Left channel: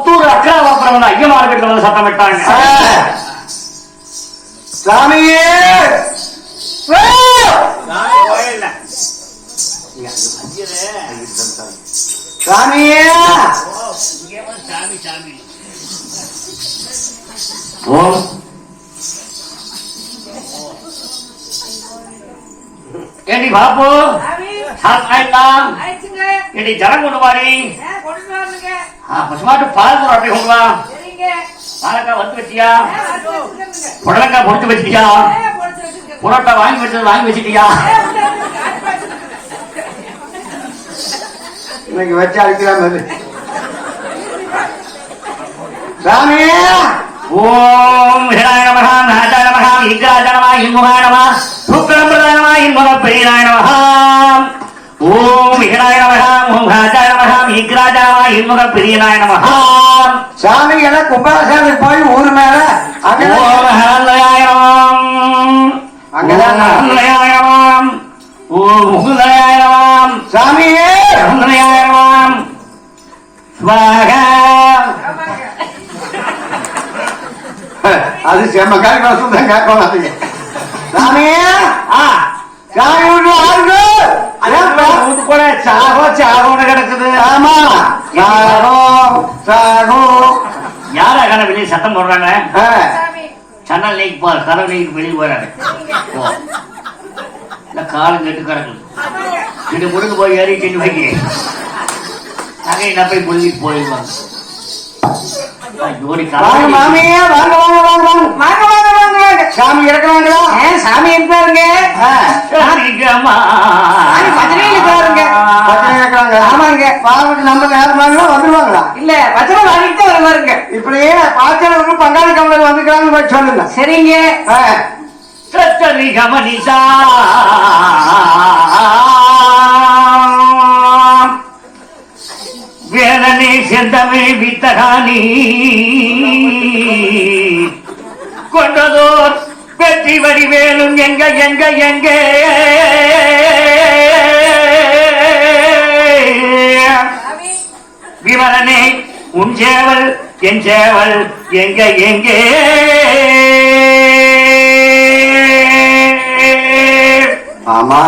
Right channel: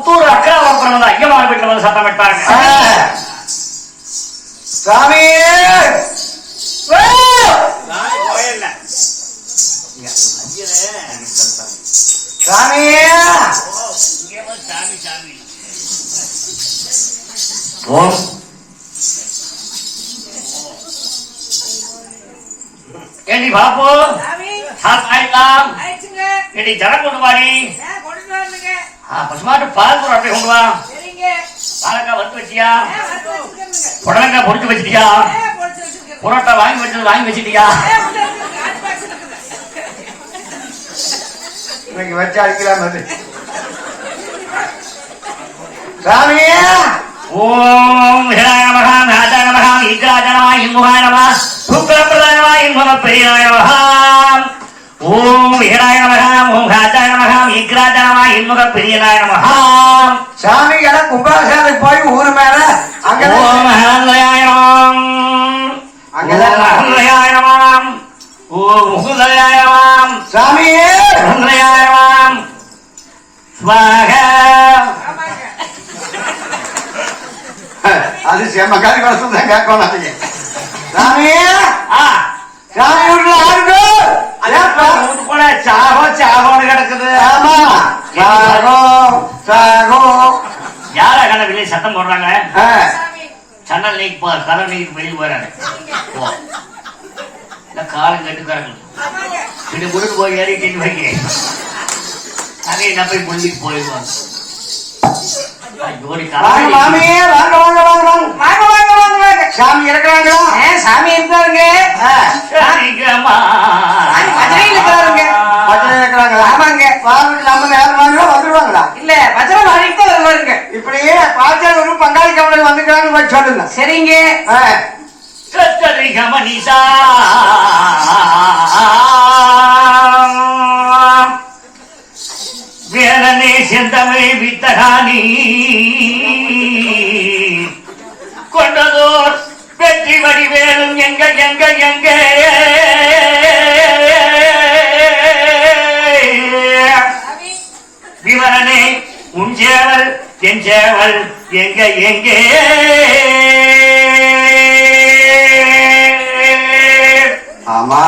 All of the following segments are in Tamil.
புத்தூர் அக்கறை மாத்திரம் ஐயமான வீட்டுல வந்து சத்தம் விட்டாங்க சாமியே! சாமியே ஏடி பாப்போ சாத்தாயிலாம் ஏடி ஜனம் கொண்டு பசுமாட்டு பால் போட அப்படி சரிங்க. அழகா வச்சியா வறுத்து வச்சுக்கணுங்க. புடலங்காய் பொறுத்து வச்சிட்டியா. புரோட்டா வாங்கி வச்சது வாங்கி வச்சிட்டியா. இன்னைக்கு வச்சு அடிக்கலாம் பாரு. சாமி ஓம் இந்துமாய ஓம் ஹாஜாய நமஹ அங்கதான் ஓம் ஹாஜாய நமஹ ஓம் முகுதயாய நமஹ சாமி ஹாஜாய நமஹ ஸ்வாஹா ஆமாங்க. அது செம்மக்காரி வருஷம் தான் கேட்க மாட்டீங்க. சாமி! ஆ. சாமி வீட்டுல யாருங்க வீட்டு போல சாகோ சாகோன்னு கிடக்குது. ஆமா. யார கண்ண வெளியே சத்தம் போடுறாங்க சன்னல் நீக்கி போற கதவு நீக்கி வெளியே போறாரு. இல்ல காலம் கெட்டு ஆமாங்க. இது முழுக்க போய் ஏறி கிட்டு வைக்க அதே நான் போய் முழுகிட்டு போயிருவோம் ஜோடி. சாமி இருக்காங்க சாமி இருப்பாருங்க. ஆ, சரிகமா சாமி பஜனையில இருக்காருங்க. பச்சை இருக்காங்க ஆமாங்க. பாவம் நம்ம நேரமாங்களா வந்துருவாங்களா இல்ல பஜனை வாங்கிட்டு தான் வருவாருங்க. இப்படியே பார்த்தா ஒரு பங்காளி கம்பெனி வந்துக்கிறாங்க சொல்லுங்க. சரிங்க. நிசா வேலனே செந்தமை வித்தகானி. கொண்டதோர் வெற்றி வடிவேலும் எங்க எங்க எங்க? சேவல் என் சேவல் எங்க எங்கே? ஆமா.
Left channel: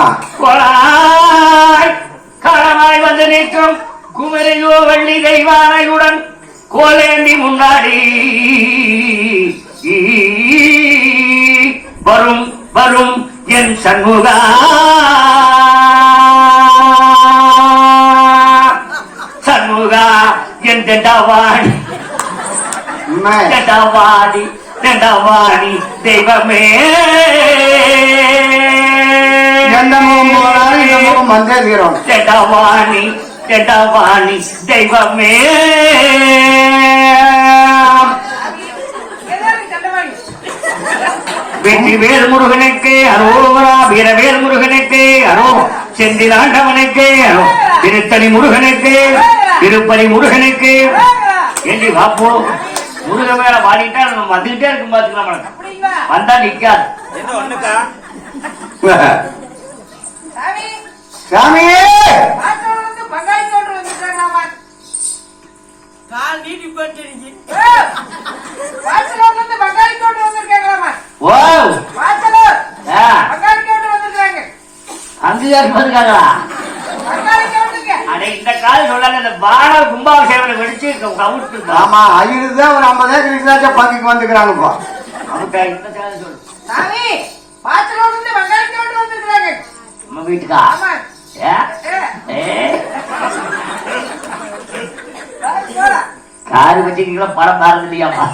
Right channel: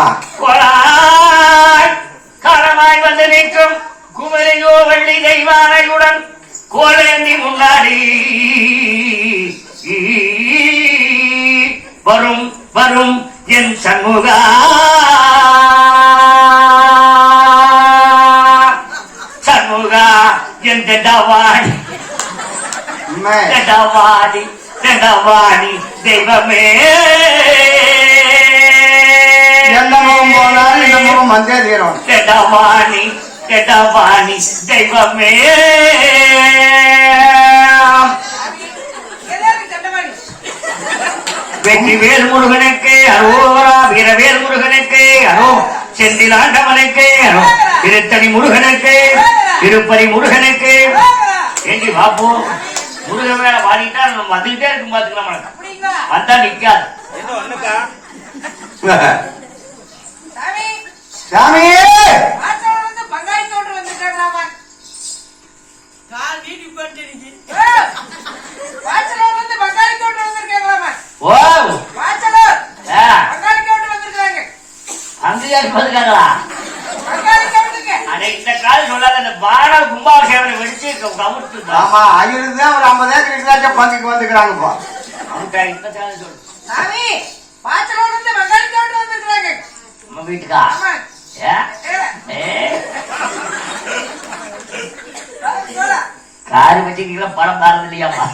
காலமாய் வந்து நிற்கும் குமரையோ வள்ளி தெய்வானையுடன் கோலேந்தி முன்னாடி. வரும் வரும் என் சண்முகா. சண்முகா என் தெண்டாவாடி தெண்டாவாடி தெண்டாவாடி தெய்வமே தெடவாணி தெடவாணி தெய்வமே. வெற்றி வேல் முருகனுக்கு அரோவரா வீரவேல் முருகனுக்கு அரோ செந்திலாண்டவனுக்கு அரோ திருத்தணி முருகனுக்கு திருப்பதி முருகனுக்கு. ஏண்டி வாப்போ முருகன் மேல வாடிட்டா நம்ம வந்துகிட்டே இருக்கும் பாத்துக்கலாம்? வந்தா நிக்காது. சாமி, சாமி! காலம் சொல்லாத இந்த பான கும்பாபிஷேகம் வெடிச்சு கவுட்டு ஆமா ஐயரு தான் ஒரு ஐம்பது ஏக்கர் இருந்தாச்சும் பங்குக்கு வந்துக்கிறானுப்பா சாமி, இருந்து. நம்ம வீட்டுக்கா? ஆமா. காரு வச்சுக்கீங்களா படம் பாருங்க இல்லையாப்பா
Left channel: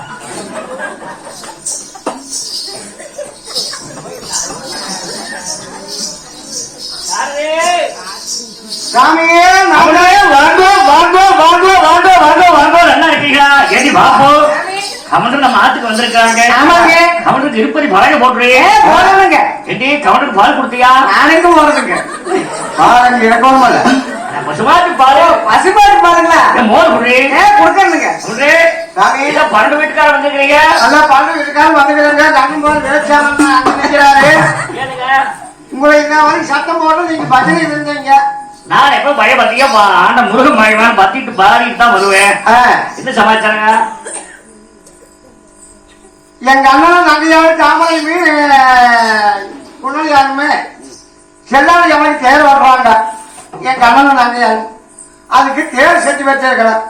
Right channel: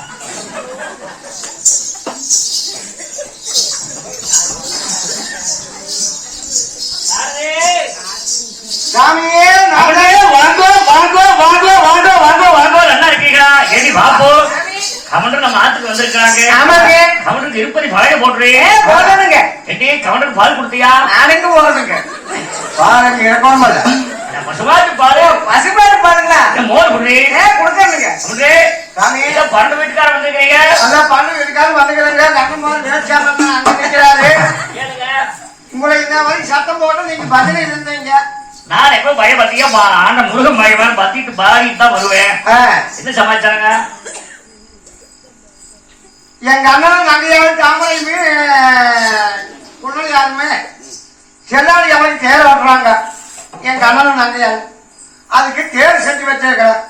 சாமியே நம்மளே வாங்கோ வாங்கோ வாங்கோ வாங்கோ வாங்கோ வாங்கோ நல்லா இருக்கீங்களா ஏடி பாப்போ சாமி, கவுண்டர் நம்ம ஆத்துக்கு வந்திருக்காங்க. ஆமாங்க. கவுண்டருக்கு இருப்பதி வாழ போட்டுரு. ஏ, போடணுங்க. ஏடி கவுண்டருக்கு பால் கொடுத்தியா? நாளைக்கு போடணுங்க. பாருங்க இறக்கணும் நம்ம சுமாருக்கு பாரு பசுமாடு பாருங்களா? ஏ, மோர் குடி. ஏ, கொடுக்கணுங்க. குடி. சாமி ஏதோ பண்டு வீட்டுக்கார வந்திருக்கீங்க அதான் பண்ணு இருக்கான்னு வந்துக்கிறேங்க உங்களை சத்தம் போட்டு நீங்க இருந்தீங்க. நான் எப்ப பயபத்தியா ஆண்ட முருகன் மயமான் பத்திட்டு பாடிட்டு தான் வருவேன். என்ன சமாச்சாரங்க? எங்க அண்ணனும் தங்கையாரு தாமரையுமே புனலியாருமே செல்லாடி அவனுக்கு தேர் ஓட்டுறாங்க எங்க அண்ணனும் தங்கையாரு அதுக்கு தேர் செஞ்சு வச்சிருக்கிறேன்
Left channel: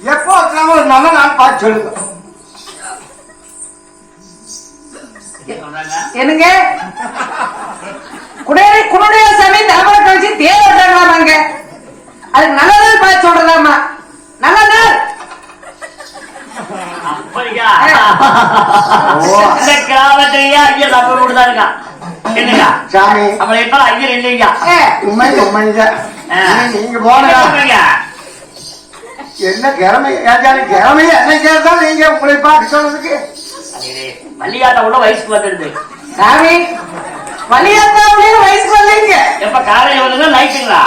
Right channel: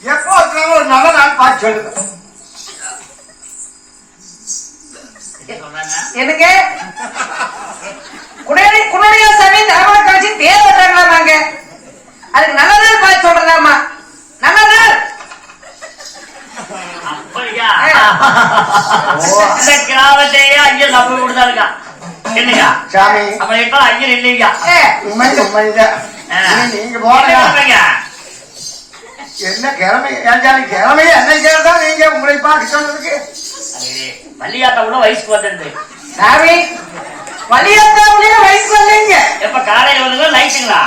எப்போ உட்காந்து ஒரு நல்ல நாள் பார்த்து சொல்லுங்க. என்னங்க? சாமி அவங்களுக்கெல்லாம் ஐயர் இல்லைங்க ஏ, உண்மை உண்மைதான். நீங்க சொல்லுங்க. என்ன கிழமை ஏஞ்சாலும் கிழமை என்ன கேட்டா நீங்க உங்களை பார்க்க சொல்றதுக்கு. வயசுக்கு வந்துருது சாமி வலியாத்தாவிலேயே வயசு வரலைங்க. எப்ப காலையில வந்து நைட்டுங்களா?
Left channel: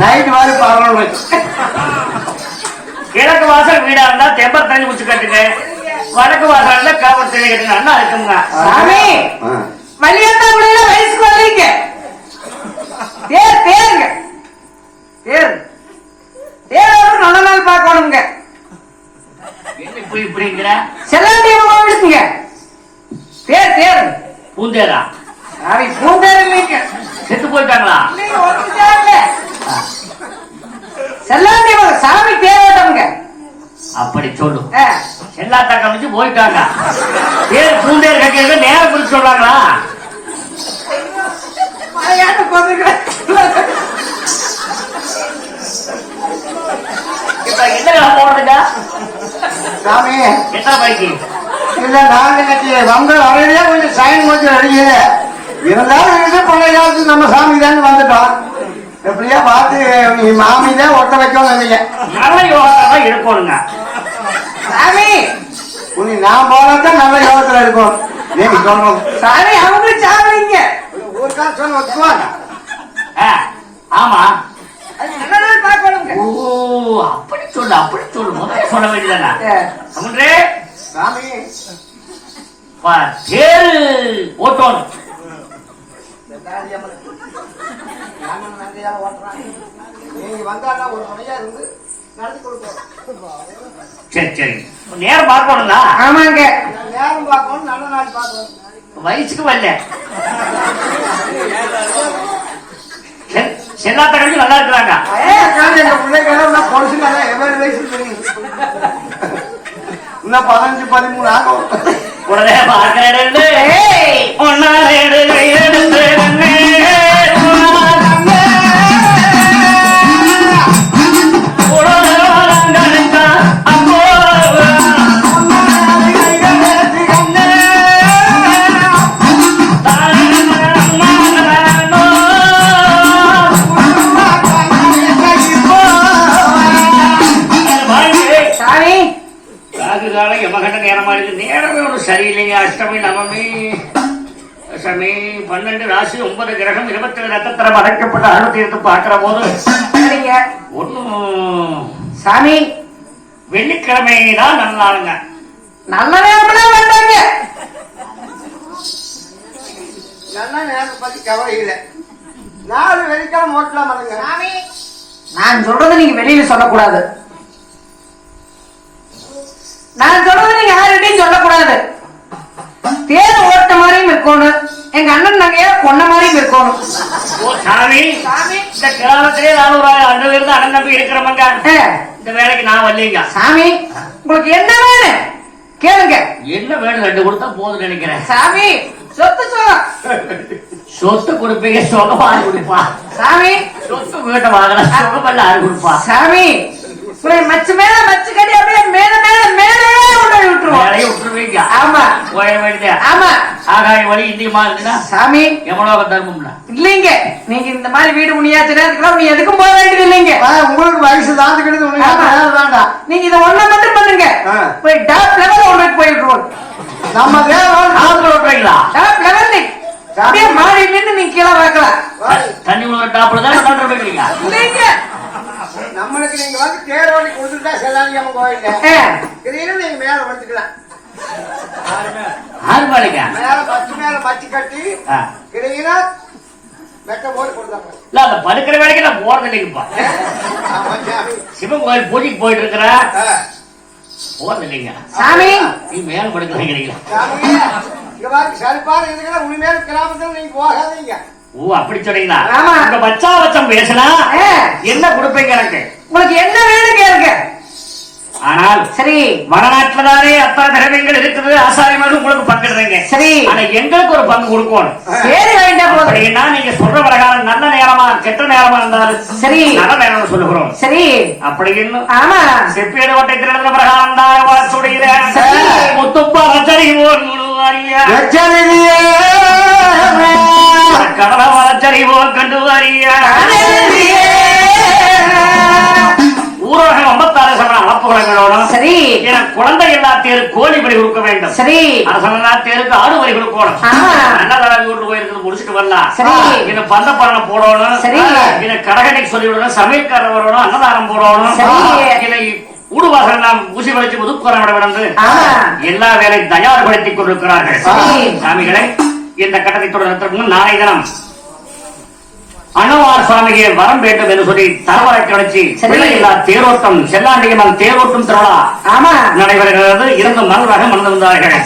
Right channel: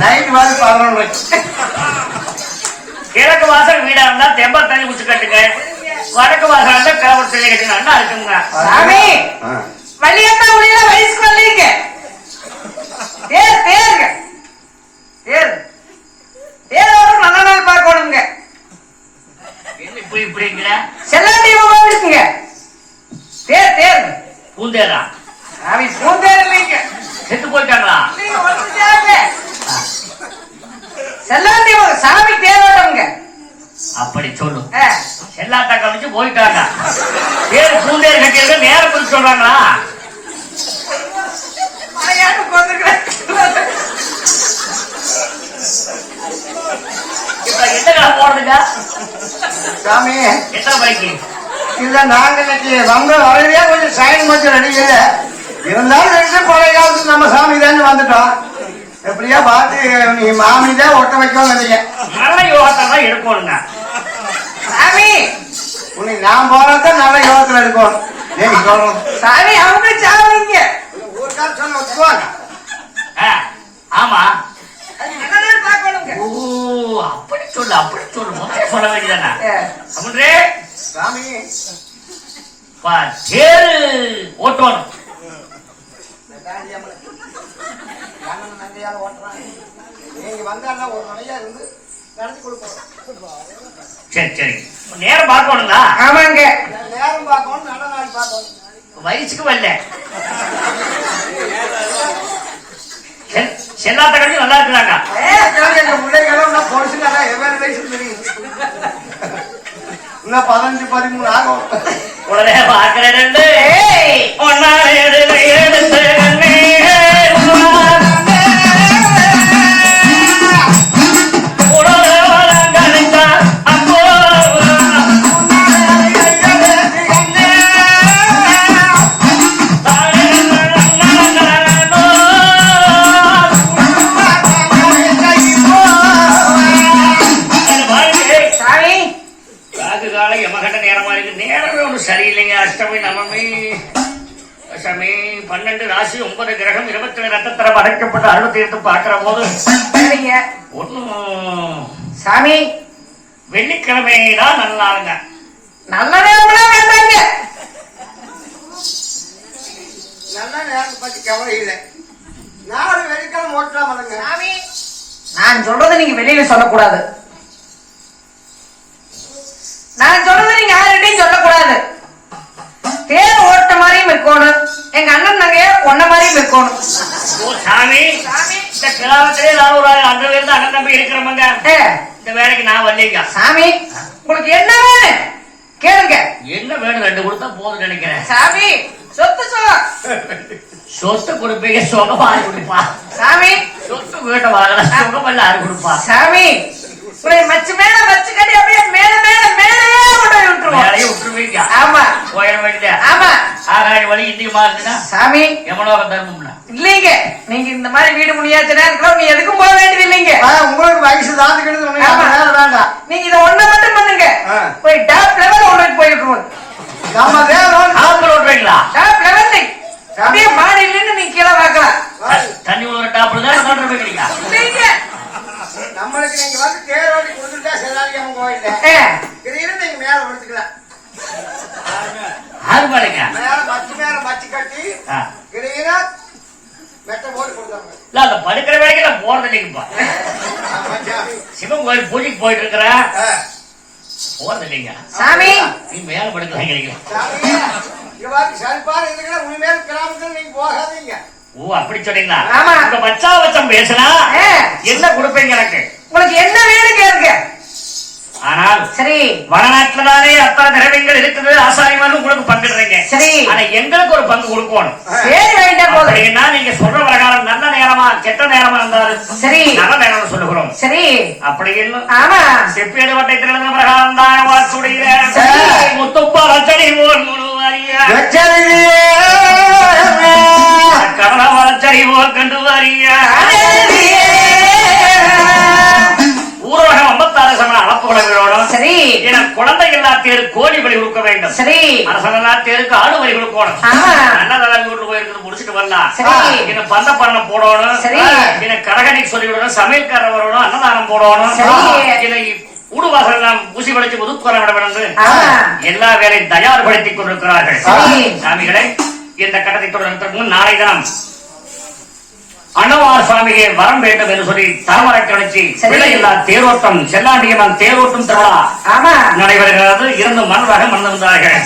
நைட் பதினொன்று வச்சு கிழக்கு வாசல் வீடா இருந்தா தெம்ப தண்ணி குச்சி கட்டுங்க. வடக்கு வாசல் இருந்தா காவல் தண்ணி கட்டுங்க இருக்குங்க சாமி வலியாத்தாவிலேயே வயசு வரலைங்க தேர் தேருங்க தேர் தேர் நல்ல நாள் பார்க்கணுங்க. என்ன இப்படி இப்படிங்கிற? செல்லாண்டி இருக்குங்க தேர் தேர் பூந்தேரா? சாமி பூந்தேர் இல்லைங்க. செத்து போயிட்டாங்களா? செல்லாண்டி சாமி தேரோட்டம்ங்க அப்படி சொல்லு. செல்லாத்தா கமிச்சு போயிட்டாங்க. பேர் பூந்தேர் கட்டியது நேரத்தில் சொல்றாங்களா? மலையாட்டு போட்டுக்கிறேன் இப்ப என்ன கிழமை போடுதுங்க சாமி. எத்தனை பைக்கு? நம்ம வரவே கொஞ்சம் சைன் இருந்தாலும் ரெண்டு போலையில வந்து நம்ம சாமி தான் வந்துட்டோம். எப்படியா பார்த்து நீ மாமி தான் ஒட்ட வைக்கவும் இல்லைங்க நல்ல யோகத்தை தான் இருக்கணுங்க. சாமி! உனி நான் போனாதான் நல்ல யோகத்துல இருக்கும் நீங்க சொல்லணும் சாமி அவங்க சாமிங்க ஒரு கால் சொல்ல வச்சுக்குவாங்க ஆ, ஆமா. ஓ அப்படி சொல்லு அப்படி சொல்லு. சொல்ல அமுன்றே சாமி. தேரு ஓட்டணும். நீங்க வந்தாலும் ஒரு இருந்து நடத்தி கொடுப்போம் சரி சரி. நேரம் பார்க்கணுங்களா ஆமாங்க. நேரம் பார்க்கணும் நல்ல நாள் பார்க்கணும். வயசுக்கு வரல. செல்லாத்த கட்டி நல்லா இருக்கிறாங்க இன்னும் பதினஞ்சு பதிமூணு ஆகும். உடனே பார்க்கிறேன் அஷ்டமி பன்னெண்டு ராசி ஒன்பது கிரகம் இருபத்தி ஏழு நட்சத்திரம் அடைக்கப்பட்ட அருள் தீர்த்து பார்க்கிற போது ஒன்றும் சாமி வெள்ளிக்கிழமை தான் நல்லாருங்க நல்ல நேரம்லாம் வேண்டாங்க. நல்ல நேரத்தை பத்தி கவலை இல்லை நாலு வெள்ளிக்கிழமை ஓட்டலாம் பண்ணுங்க சாமி நான் சொல்றது நீங்க வெளியில சொல்லக்கூடாது. நான் சொல்றது எங்க அண்ணன் மாதிரியும் இருக்கணும். சாமி இந்த கிராமத்திலே நான் ஒரு அந்த வீடு அண்ணன் நம்பி இருக்கிறவங்க ஏ, இந்த வேலைக்கு நான் வரலீங்க சாமி உங்களுக்கு என்ன வேணும்? கேளுங்க. என்ன வேணும்? ரெண்டு கொடுத்தா போதும் நினைக்கிறேன். சாமி சொத்து சொத்து கொடுப்பீங்க சொந்தமா ஆறு கொடுப்பா சாமி. சொத்து வீட்டை வாங்கின ஆறு கொடுப்பா சாமி மச்சு மேல மச்சு கட்டி அப்படியே மேல மேல மேலே போய் விட்டுருவோம். விட்டுருவீங்க. ஆமா. வேண்டியதா ஆமா. ஆகாய வழி இந்தியமா இருக்குன்னா சாமி. எவ்வளவு தர்மம்னா? இல்லைங்க. நீங்க இந்த மாதிரி வீடு முடியாத நேரத்துல நீ எதுக்கும் போக வேண்டியது இல்லைங்க உங்களுக்கு வயசு தாத்துக்கிட்டு. வேண்டாம் நீங்க இதை ஒண்ணு வந்து தேரோடி கொடுத்துட்டா கோயில்ல ஏ, திடீர்னு நீங்க மேல படுத்துக்கலாம். மேல பத்து மேல பச்சு கட்டி ஆ. திடீர்னு மெத்த போட்டு கொடுத்தாங்க. இல்ல அந்த படுக்கிற வேலைக்கு நான் போறது இல்லைங்கப்பா. சிவன் கோயில் பூஜைக்கு போயிட்டு இருக்கிறேன் ஆ, போறது இல்லைங்க. சாமி. நீ மேல படுக்கிறீங்க பாரு சரிப்பாரு இருக்கிற உண்மையில கிராமத்துல நீங்க போகாதீங்க. ஓ அப்படி சொன்னீங்களா? ஆமா. இந்த பச்சா பச்சம் பேசினா? என்ன கொடுப்பீங்க எனக்கு? உங்களுக்கு என்ன வேணும் கேளுங்க. ஆனால் சரி. வடநாட்டிலே அத்தனை திறமைகள் இருக்குது ஆசாரியங்களும் உங்களுக்கு பங்கிடுறீங்க. சரி. ஆனா எங்களுக்கு ஒரு பங்கு கொடுக்கணும். சரி வேண்டாம் போதும் நீங்க சொல்ற பிரகாரம் நல்ல நேரமா கெட்ட நேரமா இருந்தாலும் சரி. நல்ல நேரம் சொல்லுகிறோம். சரி. அப்படி இன்னும் ஆமா. செப்பேடு வட்டை திருந்த பிரகாரம் தான் வாசுடைய. முத்துப்பா வச்சடி போல் முழுவாரிய சரி. எனக்கு பந்த பண்ண போடணும் சரி. எனக்கு கடகடை சொல்லி விடணும் சமையல்காரர் வரணும் அன்னதானம் போடணும் சரி. நாம் ஊசி ஒதுக்குற. எல்லா வேலை தயார்படுத்திக் கொண்டிருக்கிறார்கள். சாமிகளே இந்த கட்டத்தை தொடர்ந்து நாளை தினம் அன்னவார் சுவாமியை வரம் வேண்டும் என்று சொல்லி தலைவரை கிடைச்சி தேரோட்டம் செல்லாண்டியம்மன் தேரோட்டம் திருவிழா நடைபெறுகிறது இருந்து மனதாக மணந்தார்கள்